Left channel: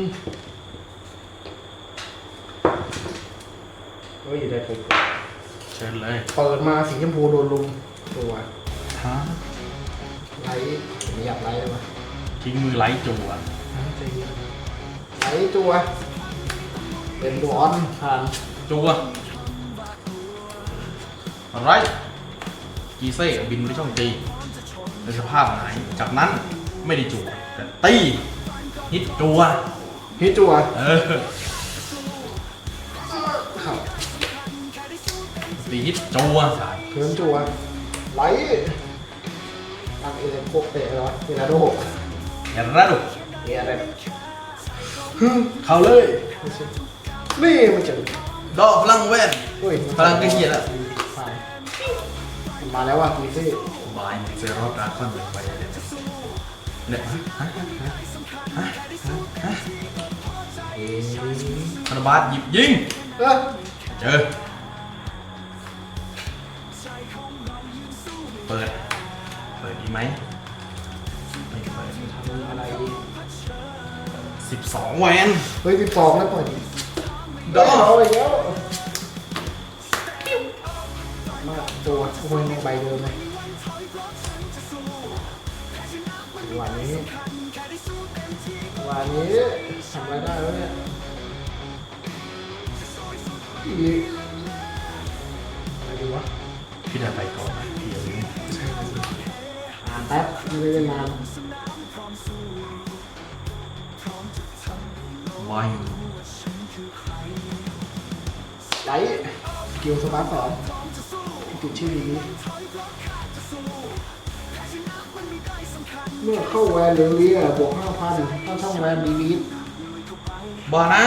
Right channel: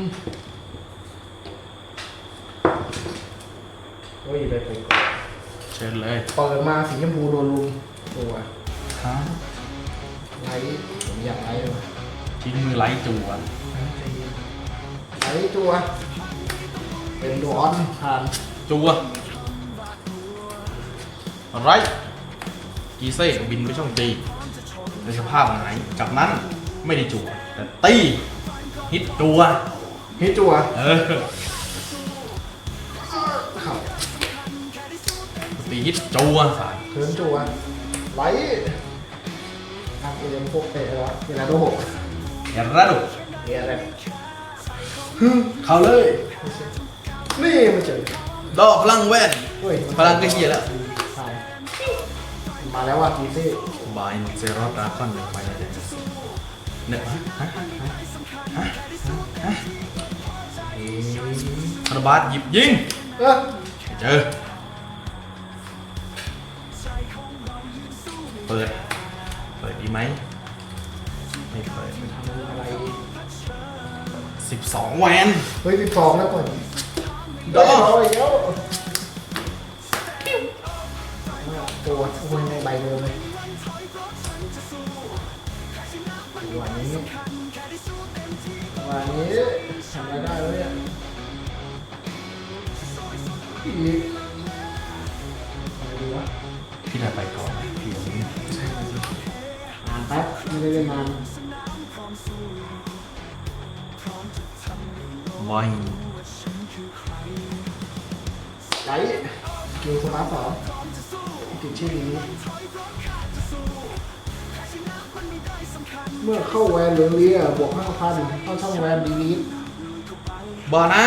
อืมเฮ้ยได้ผมเชิญเลยเปิดมาสีชมพูโดนลุมตัวฮะไลท์ผมอยากไลท์เลยวะทิ้งมือไล่จัวไลท์ตัวเป็นตัวออนผ่านจัวอะไรกีเซ่บินไปช่องจีในสภาพไหนจากนั้นไม่ได้จัวแต่ตีฮิตจัว ฮิตตัวเออครับตีฮิตจัวสายเพิ่มตัวไลท์ทางเอเลนพวกเตะแล้วเวลาโดแอรราดุเอะอะไรเข้าเลย นี่มันเจ๋งดอกพลังแว่นเฮ้ยพลังก็เหี้ยแล้วใช่มาแล้วว่ากีซี่บายเซรอดราคอนไปเลยเนี่ยฮะฮะฮะฮะคารา บาสหยิบยิง เอ้ยเจอเปิด เปิดดีไหม ไม่เปิดอะไรสิบสองแวนเฮ้ยสิบสองแล้วเปิดดอกเอาอีกแล้วมาตัวคุณใบโดนเลยวันนี้วันนี้ทำอะไรได้แล้วเนี่ย อีกอะไรดีวะพี่นาไปก่อนนะพี่ยังไม่อ่านแป๊บไม่ได้เล่นนานบอยไลท์เกียวสมาร์ทสองติดชื่อนี้ เมื่อเข้าแวนเรียบวกห้าพันเข้าช่องแวนดีลิทบอนะ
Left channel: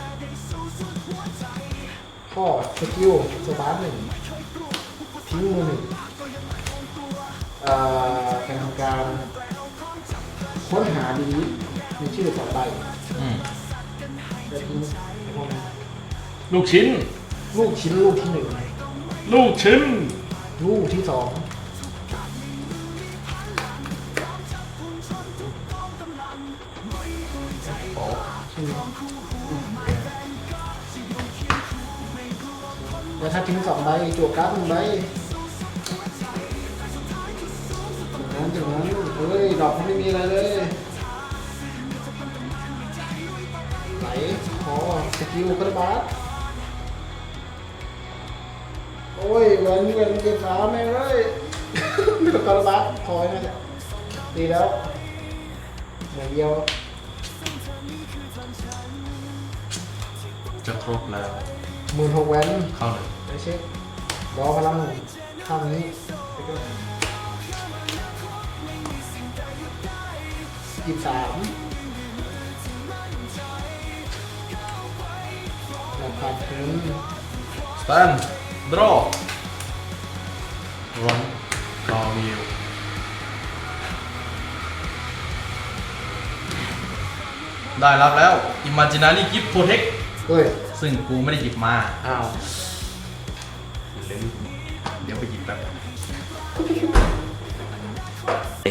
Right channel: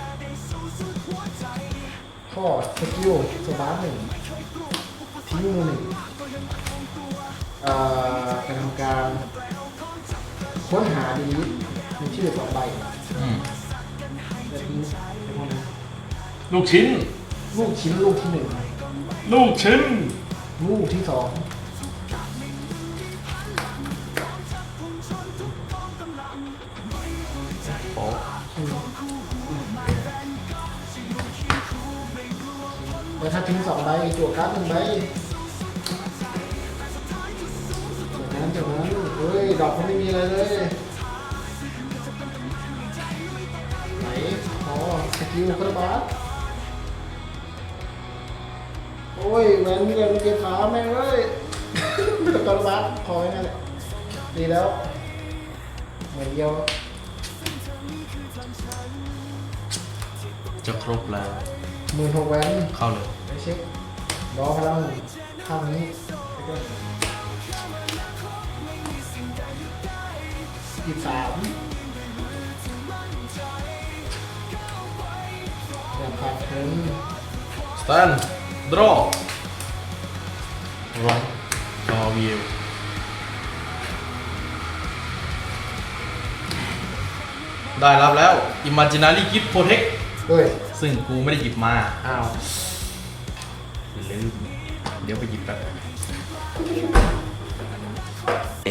ข้อสกิลสตาร์ทหนึ่งทิ้งมือหนึ่งเอ่อการทำการค้นหาดีลิทมีชื่อสองใบอืมจะทิ้งไอ้พวกนั้นลูกชิ้น ลูกชิ้นลูกที่หนึ่งลูกชิ้น ลูกที่สองโป๊ะแล้วถ้าทิ้งสองใบจั่วการ์ดหนึ่งใบอย่างนั้นอย่างนั้นเฮ้ยดอกมันไม่มีอะไรเลยไหนอ๋อสกิลคาราบาสโอ้ยแวนนี่แวนเกฟ้าแม่งเลยมีแต่คาราบาสคอยนั่แหละดีแล้วเหมือนเดียวจะครบแล้ว หมื่นหกแวนเข้าเลยไม่ใช่รอพลังข้างนี้แล้วก็ยี่สามแบบครับถึงสแตนดรอวงรอวิวได้รับแล้ว Imaginary Gift Protect เฮ้ย ซึ่งกูไม่ได้หยิบมาอ้าวลืมเดี๋ยวไปหยิบแป๊บ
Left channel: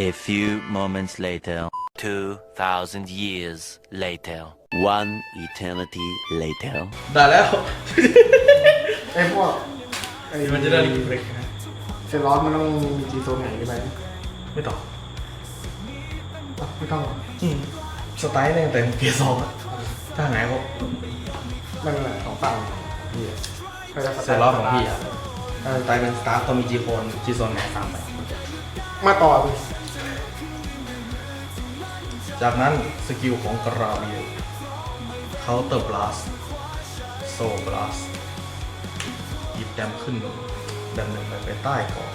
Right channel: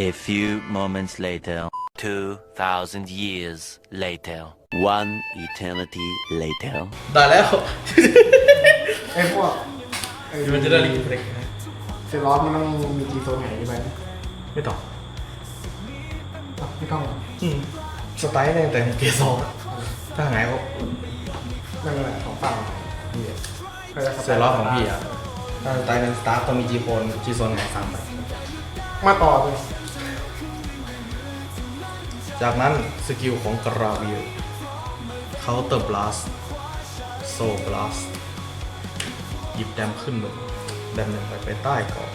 A few moments later 2000 years later One eternity later ได้แล้ว ไอ้พวกไอ้ Imaginary Gift Protect นะเซร้อนมันต้องมีจีโซนไหนได้ไหมไม่ต่ออะไม่ต้องหรอกอืมสไตล์ตั้งแต่เกสองถ้าหายก็ มันอะไรของฝั่งนี่ใครจะเซอร์ลอฟของพี่อะถ้าสไตล์เป็นสตาร์ต้องมีจีโฟนจีโซนของฝั่งมาต่อเลยจากนั้นสกิลของกราเวียเคาน์เตอร์บลัสโซบลัสหยิบดันขึ้นหนึ่งดันหนึ่งไปไปใต้ก่อน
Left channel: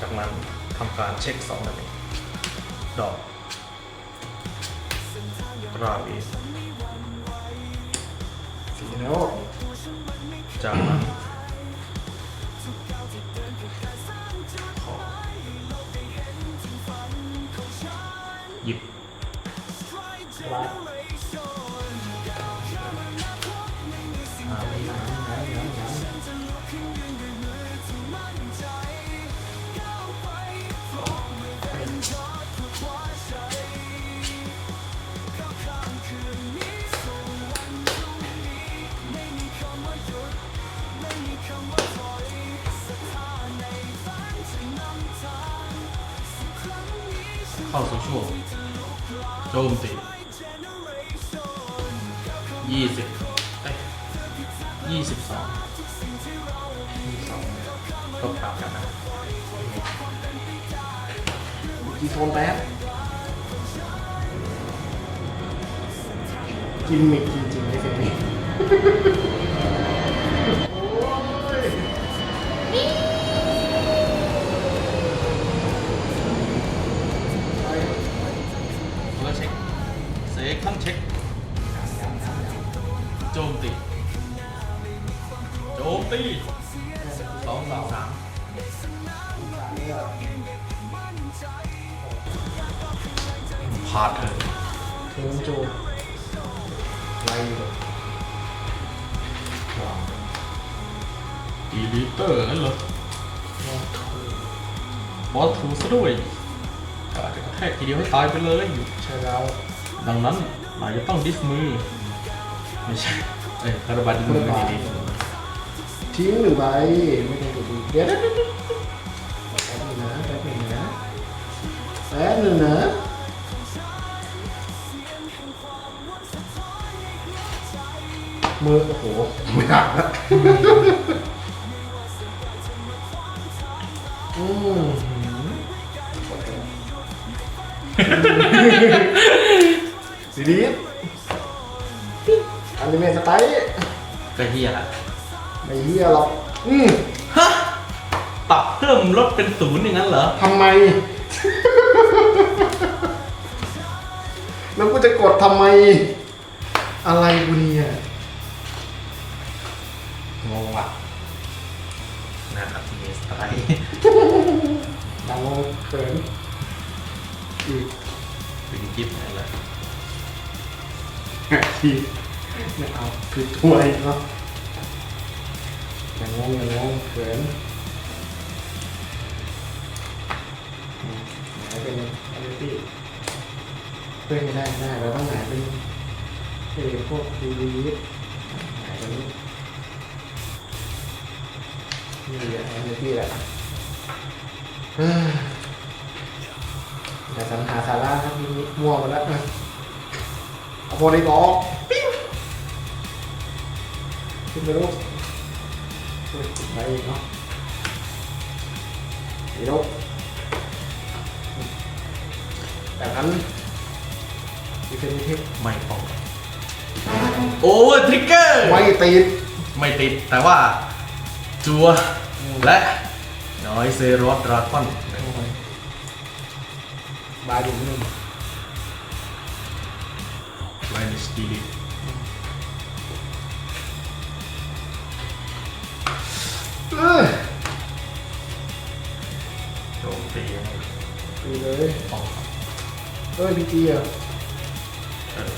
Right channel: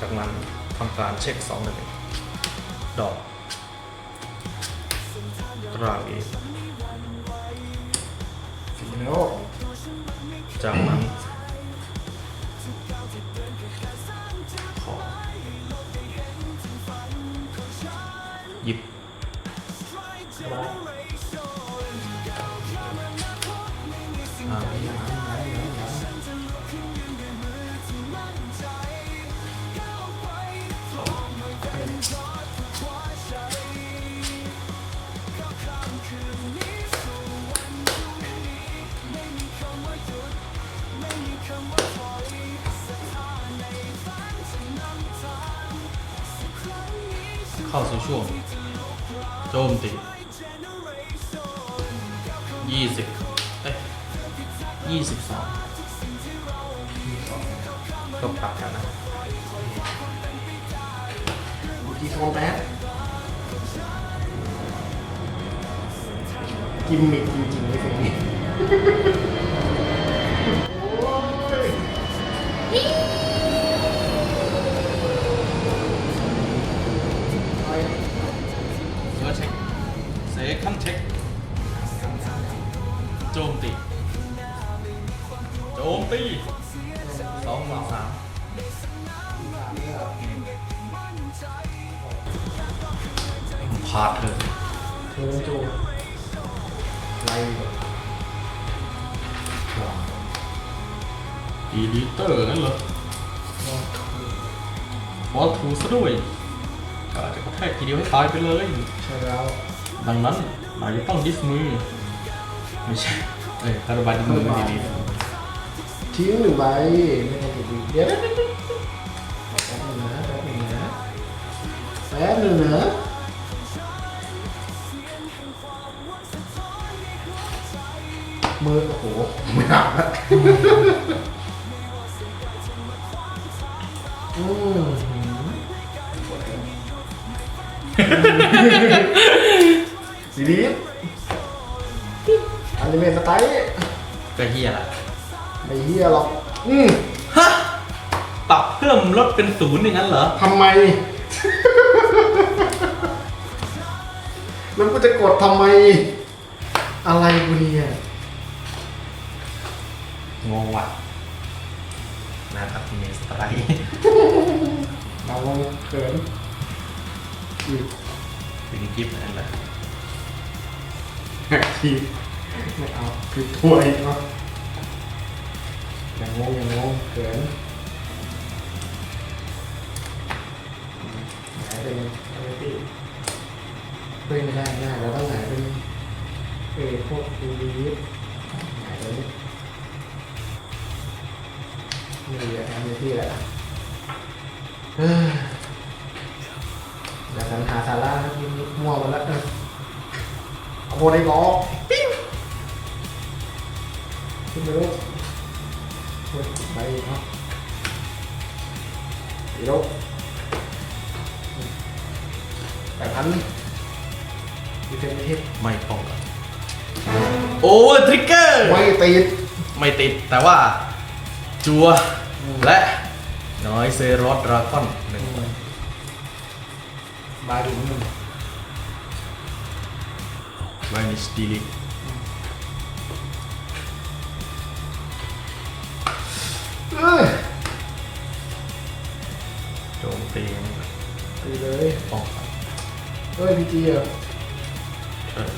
จากนั้นทำการเช็คสองหนึ่งดอกกราเวียสี แล้วจากนั้นขอหยิบ เข้าสู่ช่วงโจมตียี่สิบเอ้ยยี่สิบสองก็ปรับกันนะกี่โทนแป๊บกิมมิคจริงๆเลยเพลงนี้าดเลยเออโจไล่แบบว้าวดีลิเตอร์นั่นเหรอบอลถูซะด้วยอาจจะกระแทกทีเดียวให้ตายไปเลย ใช่แล้ว ดังนั้นนายจะต้องดิสมือ ไม่ใช่ เอ้ยคาราบาดิสมือไม่ดีทิ้งหรือไรไม่ได้จะดีเดี๋ยวแป๊บนึงนะแป๊บนึงนะแป๊บนึงนะ มือโอ้โหมือหักแล้วอืมสีนี้อันนี้เป็นสไตล์จะเฮียอะไรไม่เฮียหรอกอืมฮะปรับเพิ่มลดเป็นศูนย์อย่างนั้นเหรอทำไม แล้วกูจะกดทำไม อะไรกูเนี่ย งงว่ะนะครับมีสไตล์เราเขินอีกถึงกิฟต์นั่นแหละทีไม่เอาผิดถ้วยเนาะอย่างงงอย่างงงเขินอืมหายไปเลยอะไรที่เฮ้ยไม่ได้ไม่ได้เราต้องหายเป็นเออพวกดู นี่แหละอันที่แหละเฮ้ยอย่าสัญหาสาระครับนิดมั่วไปแล้วนะเอาโคนไอ้บอกขึ้นไปลูกไปอีกเนาะอีกลูกแต่ทันอีกเป็นที่ไม่ต้องโอ้ทริกเกอร์ไม่ติด ไม่ติดแต่ว่า จัว และน้อยเซรอสดราก้อนหนึ่งใบบาดินมันไลนิชดีลิเออโจมตีดีเลยป้องกันเออพีจีอะเออ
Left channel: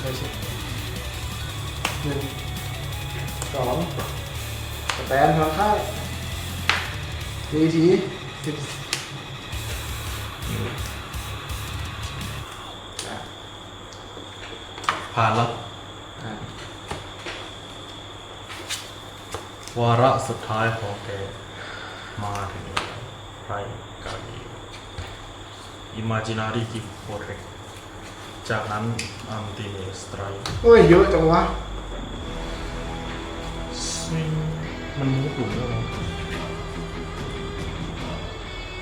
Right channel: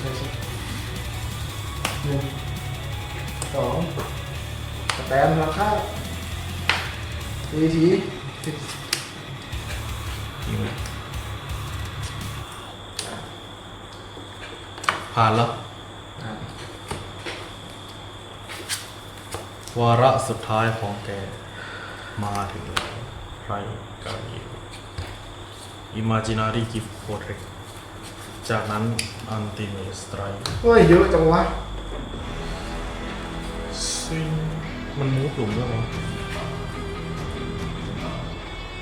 ไม่ใช่หนึ่งสองส แปมมาเข้าทีทีสิบยิงผ่านแล้วอะวาระสุดท้ายของแกมาถึงแล้วไรกามีอิมาจินารีกิฟโคเรกจากนั้นอันติเมสไตรโอ้ยเยอะจังวะซิง มันมูฟหลุมแล้วเหรอ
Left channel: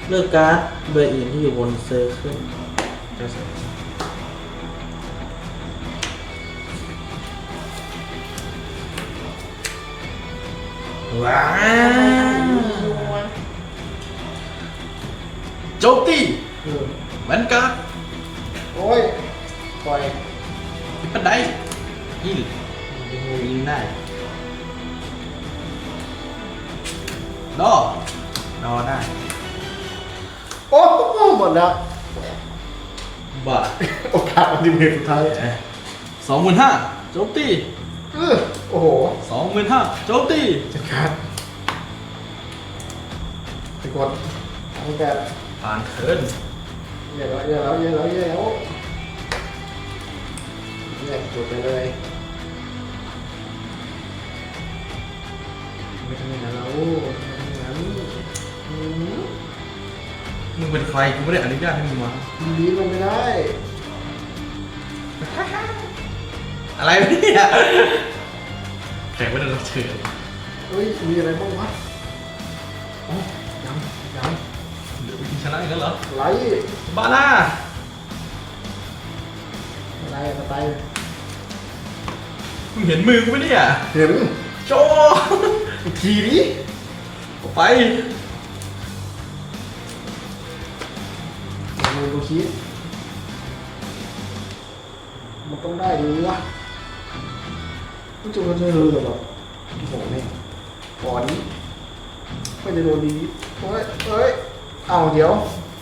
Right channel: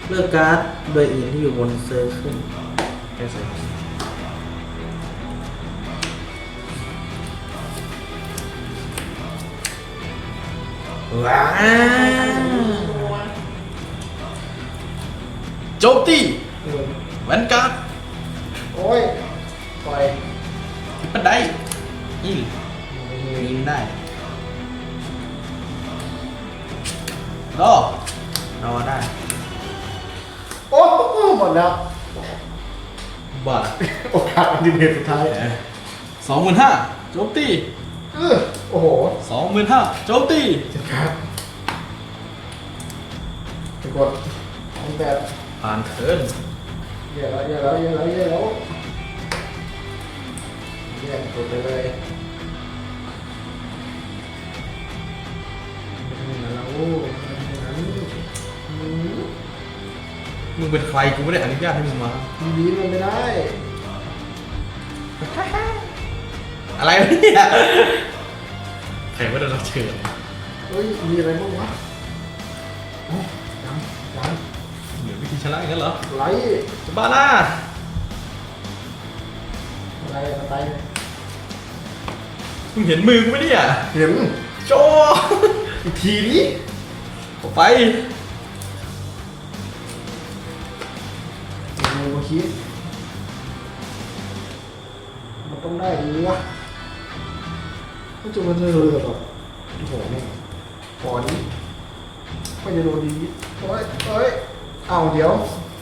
เลือกการ์ดใบอื่นที่อยู่บนเซอร์ขึ้นไม่ใช่ว้าวโจมตีเออแวนการ์ดโอ้ยปล่อยที่บันไดยิ รอรอได้โอ้โหหมดแล้วบัตรโอกาสอันดีเสุดท้ายสองหมื่นห้าโจมตีเออโอ้โหสองหมื่นห้าโจมตีครับทุกคนตั้งแต่ผ่านเทิร์นเยอะแล้วเยอะแล้วเยอะแล้วเยอะแล้วเนี่ยจบไปเลยไม่ทำยังไงแล้ว มึงเป็นใครกูไม่ได้อนุญาตให้มึงมา ทีนี้ลงไม่ได้อะไรวะเนี่ยแขกว่าจะรับเชิญเฮ้ย มีอะไรบ้างวะเอ้ายังยังเดี๋ยววิธีชนะกันเหรอไหลบ้าหน้าอะไรอะไรมึงเห็นมือกูไหมเนี่ยเห็นโจอีกทีนี้ออกไป คิด มันต้องได้ดีวะไม่จะมันจะรู้หรอแบบโอ้โหเนี่ยก่อนนี้ก็จะโดนดีเฮ้ยเฮ้ยเอาเดี๋ยว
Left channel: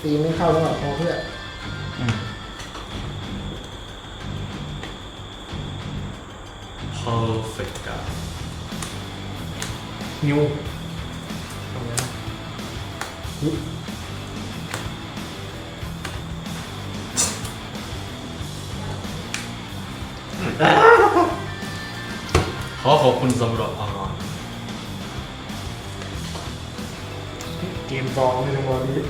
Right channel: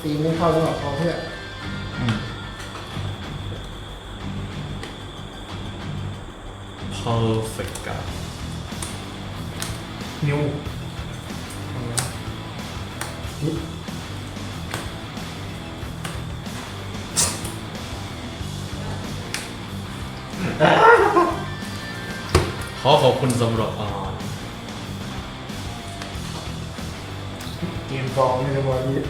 ตีไม่เข้าแล้วหรอกเพื่อน perfect การนิวเอาวะฮิ ขอขอบคุณสำหรับอ่าเกมฟองในวันนี้